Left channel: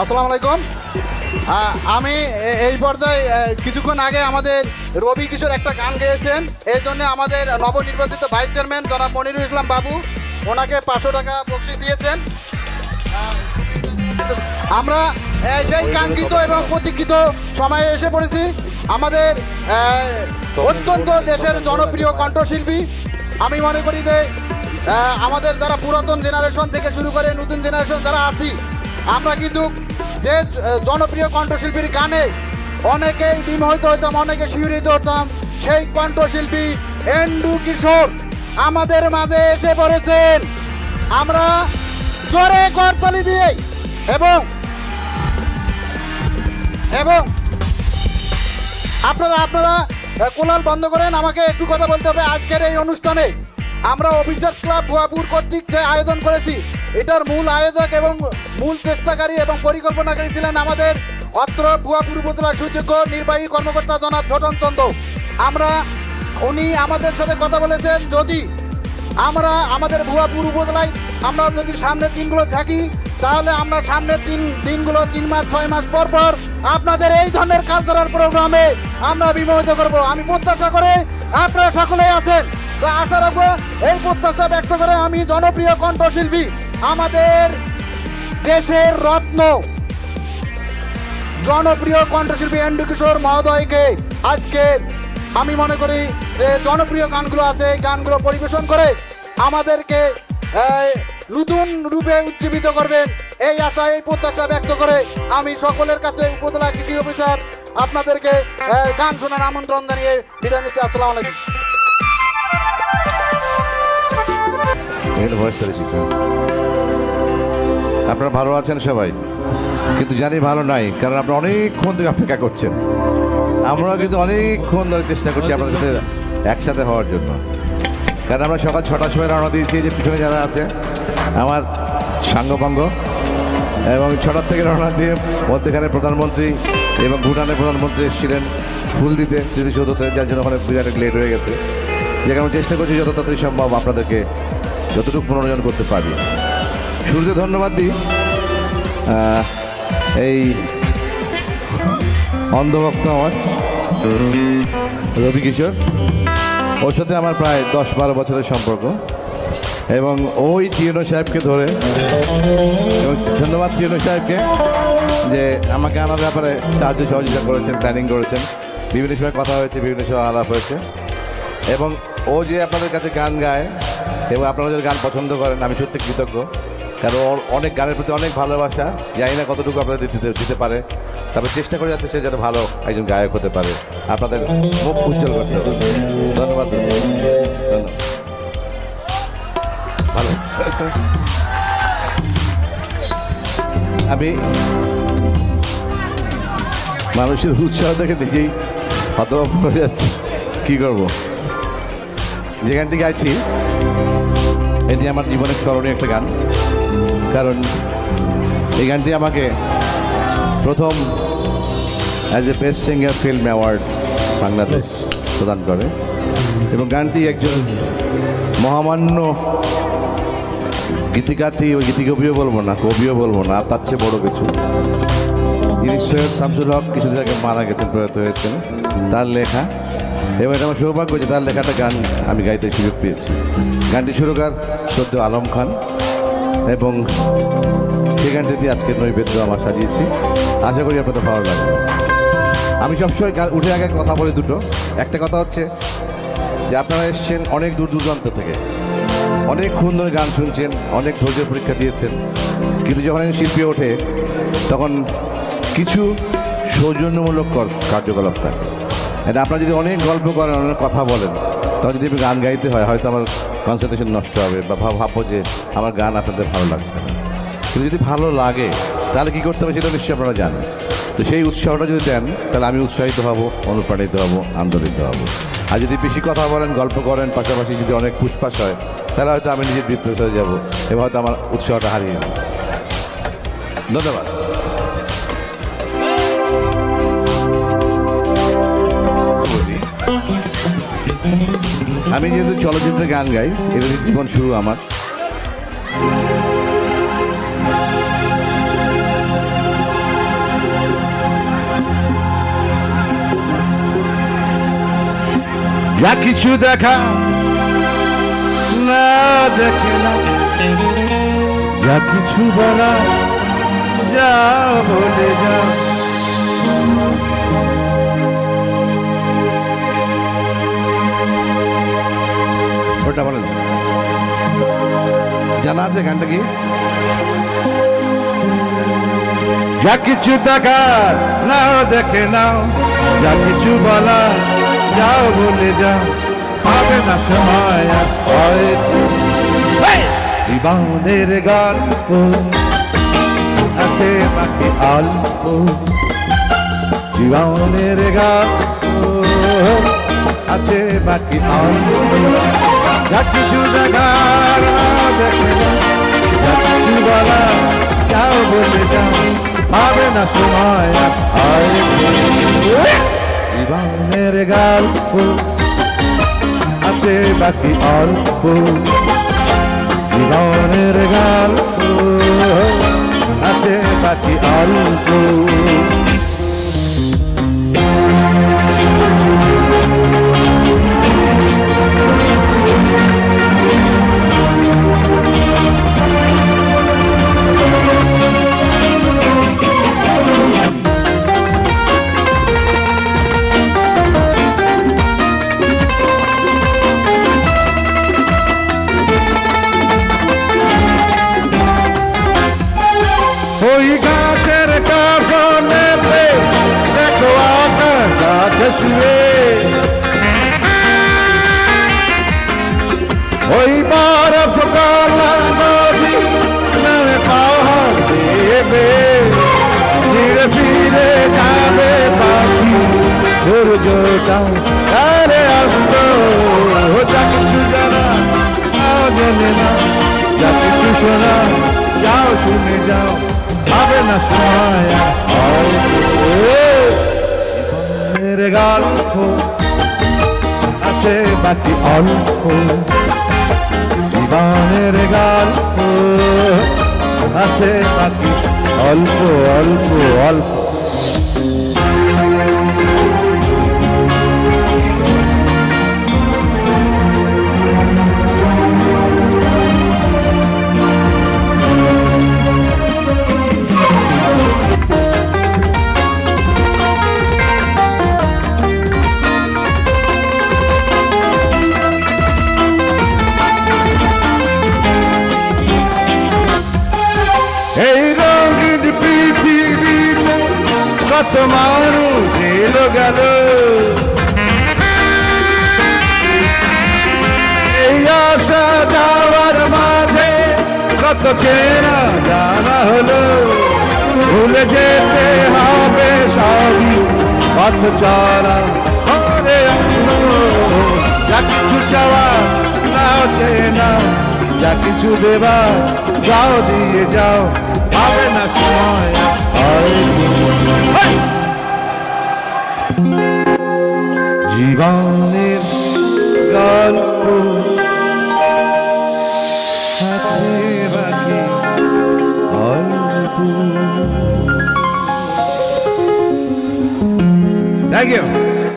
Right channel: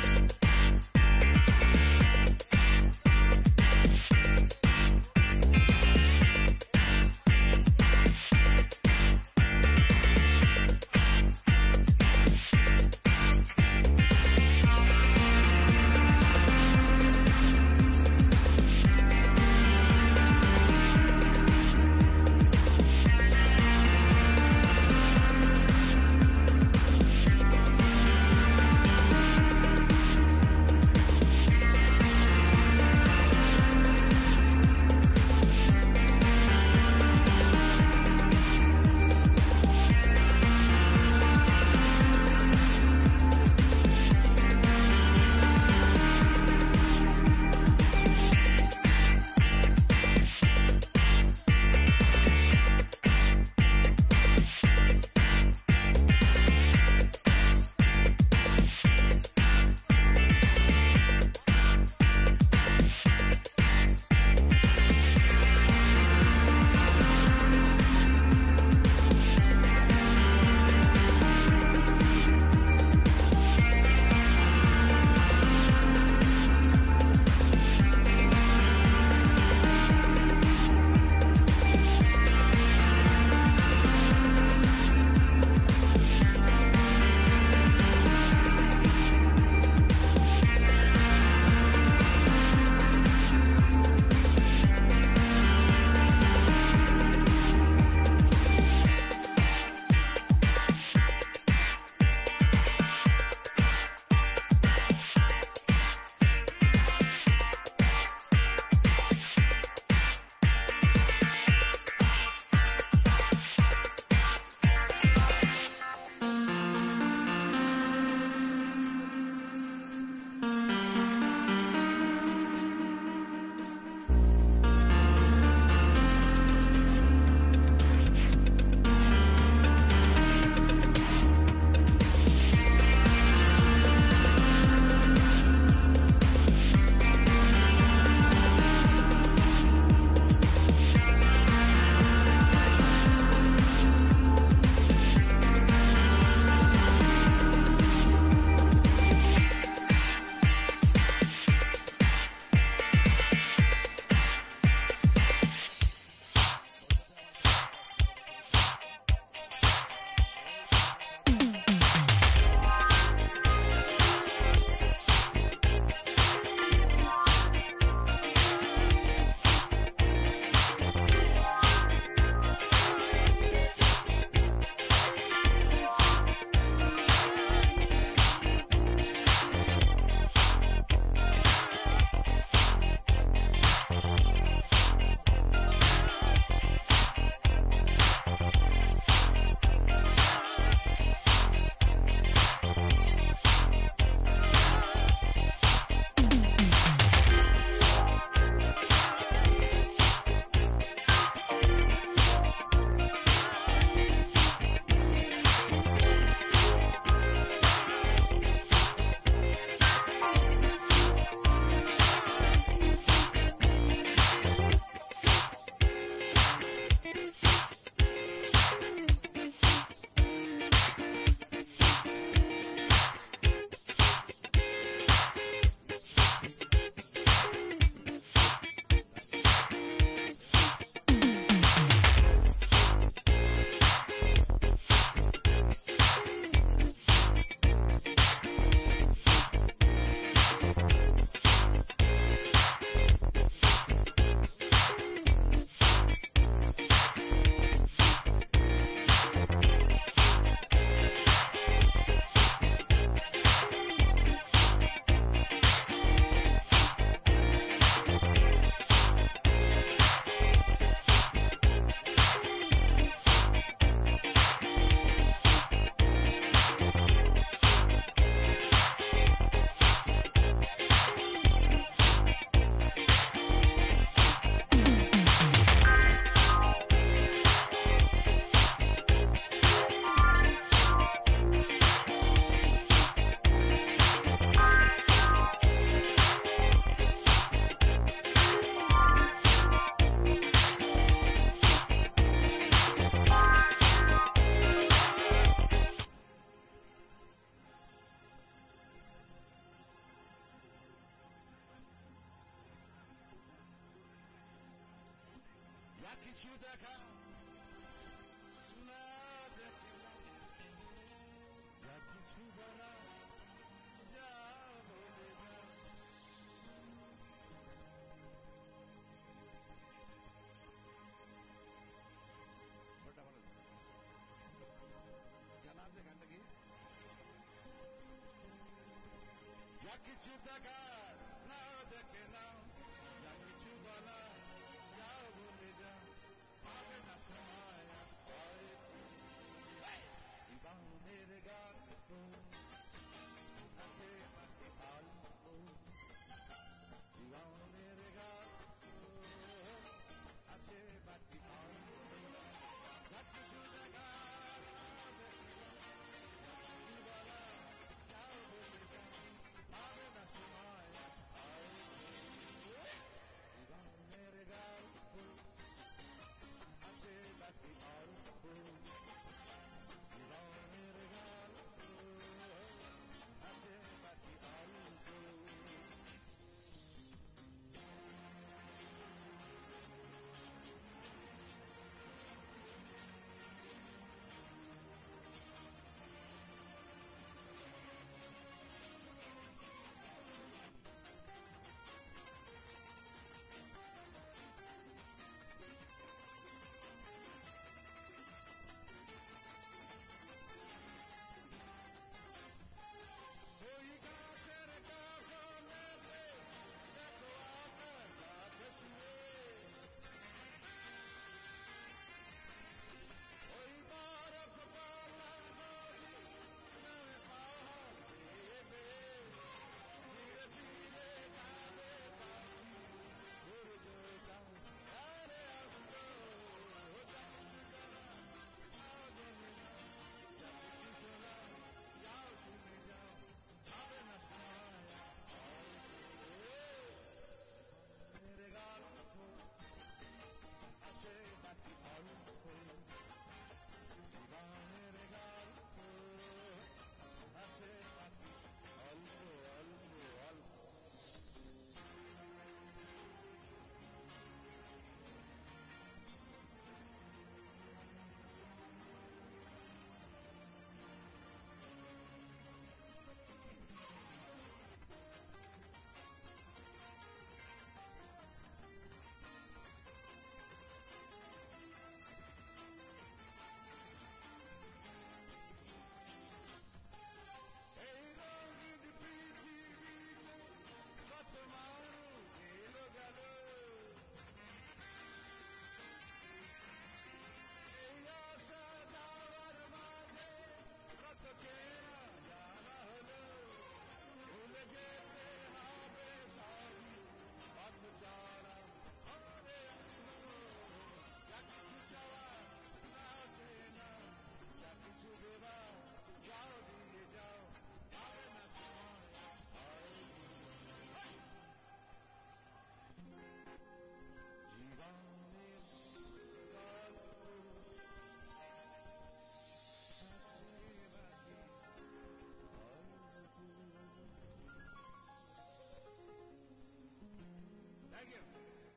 আসসালামু আলাইকুম। আমি এই পর্যায়ে কিছুক্ষণ আগে আমাদের রবি কিশোর একটা গান গেয়েছেন, এই জন্য আমাদের নবনির্বাচিত ভাইস চেয়ারম্যান জনাব মনিরুল ইসলাম বাবু ওনাকে 500 টাকা বকশিশ দিয়েছেন। আমরা সেই কাঙ্ক্ষিত এবং প্রতীক্ষিত সময়ে এসে পড়েছি। আমাদের অত্যন্ত দেশের জনপ্রিয় কণ্ঠশিল্পী, আমি মনে করি যে আমাদের যারা পুরাতন জেনারেশন থেকে শুরু করে নতুন জেনারেশন যারা আছি, আমরা কিন্তু যে জনপ্রিয় কণ্ঠশিল্পীর গানে অনেকেই বিমোহিত হতাম, অনেকে শিহরিত হতাম। সেই কণ্ঠশিল্পী এন্ডু কিশোর আমাদের মাঝে এসে পড়েছেন। আমরা জোরে করতালি দিয়ে এবং আপনারা কোলাহল বন্ধ করেন, আমাকে একটু কথা বলতে হবে। আজকের এই অনুষ্ঠানে আমরা অফিসার্স ক্লাব ভুয়াপুর কর্তৃক যে আয়োজন করেছি, এটার মূল আয়োজক এবং মূল চেষ্টাকারী এবং পরিকল্পনাকারী ছিলেন আমাদের অত্র ভুয়াপুর উপজেলার সুযোগ্য নির্বাহী কর্মকর্তা জনাব ছোটন চন্দ্র। উনি আমাদের সাথে কথা বলেছেন, যদি আমাদের ভুয়াপুর উপজেলায় আমরা যদি সামনের দিনগুলো থাকি, তাহলে আমরা সামনের দিনগুলো 3 মাস 6 মাস পর পর আপনাদের এই ধরনের কালচারাল প্রোগ্রামে আমরা বিমোহিত করব। আমি প্রত্যাশা করে আপনারা সকলেই আছেন, আশা রাখবো। এই প্রত্যাশা ব্যক্ত করে আমি জনপ্রিয় কণ্ঠশিল্পী আমাদের দেশের রত্ন জনপ্রিয় কণ্ঠশিল্পী এন্ডু কিশোর মহোদয়কে আজকে আমি মনে করি যে জনপ্রিয় গানগুলো আছে, এই গানগুলো পরিবেশন করে আমাদেরকে নতুন রূপে উজ্জীবিত করবেন, এই আশা এই প্রত্যাশা ব্যক্ত করে আমি সকলের কাছে উপজেলা কৃষি অফিসার আপনাদেরকে গান শোনার আমন্ত্রণ জানিয়ে বিদায় নিচ্ছি। আসসালামু আলাইকুম। আপনারা ভালো আছেন সবাই, কিন্তু জানি ভালো নাই, কারণ আপনারা অনেকক্ষণ ধরে অপেক্ষা করছেন। আমরা কিন্তু অনেকক্ষণ ধরে চেষ্টা করছি আপনাদের সাথে একসাথে হওয়ার জন্য, কারণ আমরা সকাল 6টার সময় রওনা দিয়েছি। যে পিছনে যারা আছে আমার সাঙ্গপাঙ্গ, এবং 6টার থেকে রওনা দিয়ে মধ্যখানে প্রধানমন্ত্রী এবং ভুটানের প্রধানমন্ত্রী এসেছিলেন ফুল দিতে, স্মৃতিসৌধতে, যার জন্য অনেক বিরাট লেট হয়ে গেছে। যেখানে আমি চেষ্টা করছি যত তাড়াতাড়ি সম্ভব আপনাদেরকে যতটুকু মনোরঞ্জন করতে পারি। শুরুতে ধন্যবাদ দিই এই অন্ধভক্ত আমার রবি কিশোর, ওর সাথে আমার প্রায় 10-12 বছরের সম্পর্ক, এবং ওই টিএনও সাহেবকে ধরে, এবং ধন্যবাদ টিএনও সাহেবকে যে আমাকে আমার ব্যাপারে সাহায্য সহযোগিতা করেছেন, প্ল্যানিং করেছেন, বিভিন্ন সময় কথা হয়েছে, বিভিন্ন সময় আলাপ হয়েছে। এবং ও যে আপনাদের কাছে গান গায় এবং আপনারা যদি গান পছন্দ করেন, আমি সত্যি কৃতজ্ঞ, কারণ ওর অনেক গানের প্রতি অনেক ভালোবাসা, জানি না কতটুকু আপনাদের দিতে পারে, তবে চেষ্টা করে যাচ্ছে সে যেন ভালো একজন গায়ক হতে পারে। আপনাদের মুখ উজ্জ্বল করতে হবে। ধন্যবাদ। আমি মানুষের উৎসাহ থেকে দেখেই হতবাক হয়ে যাচ্ছি, কী করবো। যে গানটি গাইছি এটি আমার জীবনের স্মরণীয় একটা গান, কারণ এই গানটি আমাকে প্রথম as a best singer film award Bangladesh প্রদান করে, এবং গানটি একজন মহামান্য গীতিকারটি, ওই গীতিকবিও বলবো না, কবিও বলবো না, তার চেয়ে বড় কিছু, যিনি সৈয়দ শামসুল হক কিছুদিন আগে মারা গেছেন, প্রয়াত হয়েছেন, তার লেখা। এবং আমার সৌভাগ্য যে তার লেখাটা গান আমি গাইতে সুযোগ পেয়েছি। গানটি সুরকার সদ্য আলম খান, এবং সেই গানটি দিয়ে আজকের নৈবেদ্য আমার সাজিয়েছি। আশা করি আপনাদের ভালো লাগবে। আমি সবসময় উঠে আগে কথা বলি দুটো। একটা কথা হচ্ছে যে আপনারা এসছেন অনেক দূর দূরান্ত থেকে, অনেকক্ষণ ধরে গান শুনছেন, অনেক ধৈর্য পরীক্ষা দিয়েছেন, কিন্তু যখন একজন শিল্পী ওঠে তখন কিছু সৌজন্যমূলক কার্যকলাপ থাকে। এটা আপনারা যদি অনেক গল্প করেন, অনেক কথা বলেন, তখন যদি গান গাইতে হয় হয়তো আমার কনসেন্ট্রেশন নষ্ট হবে, বা ভাববো যে আমার গান আপনাদের ভালো লাগছে। কিন্তু যদি ভালো লাগে তাহলে কী করতে হবে সেটা নিশ্চয়ই আপনারা জানেন। তো সেই উৎসাহটা যদি দেন তাহলে আমি উৎসাহিত হব, অনুপ্রাণিত হব, আন্দোলিত হব। আর যদি বেশি কথা বলেন, গল্প করেন, পাশাপাশি যদি অনেক পুষ্পাস হয়, তাহলে হয়তো আমি নিজের ডিপ্রেস হয়ে যাবো এবং হয়তো আমার উৎসাহটা হারিয়ে যাবো। ধন্যবাদ। আমি যেহেতু চলচ্চিত্রে গান গাই, এগুলি জীবন শুরু আমার। যা কিছু দেখা না দেখে না, যা কিছু বলা যা বলে যা। ওটা বলেন, জানা আছে গানটা কি? যা কিছু দেখার নাও দেখে নাও, যা কিছু বলা যাও বলে যাও, পাবে না সময় আর হয়তো। জীবনের গল্প আছে বাকি অল্প, জীবনের গল্প আছে বাকি অল্প। যা কিছু দেখার নাও দেখে নাও, যা কিছু বলা যাও বলে যাও, পাবে না সময় আর হয়তো। জীবনের গল্প আছে বাকি অল্প, জীবনের গল্প আছে বাকি অল্প। ওই গাছের কাফনেতে দেখো আকাশ গাছে শুয়ে, ওই বরফ গলা নদী নামে পাহাড় দেবে, ধীরে ফিরে যাবে পাখি সূর্যটা তারে আসত। যা কিছু জানা তাও জেনে না, যা কিছু শোনা যাও শুনে যাও, পাবে না সময় আর হয়তো। জীবনের গল্প আছে বাকি অল্প, জীবনের গল্প আছে বাকি অল্প অল্প অল্প। এই রঙিন পৃথিবীতে কত মানুষ এলো গেল, এই আসা যাওয়ার মাঝে কত চেনা জানা হলো। ভুলে যেতে হবে সবই পথ চলা করে, যা কিছু চাওয়া নাও চেনা, যা কিছু দেবা যাও দিয়ে যাও, পাবে না সময় হয়তো। জীবনের গল্প আছে বাকি অল্প। Thank you.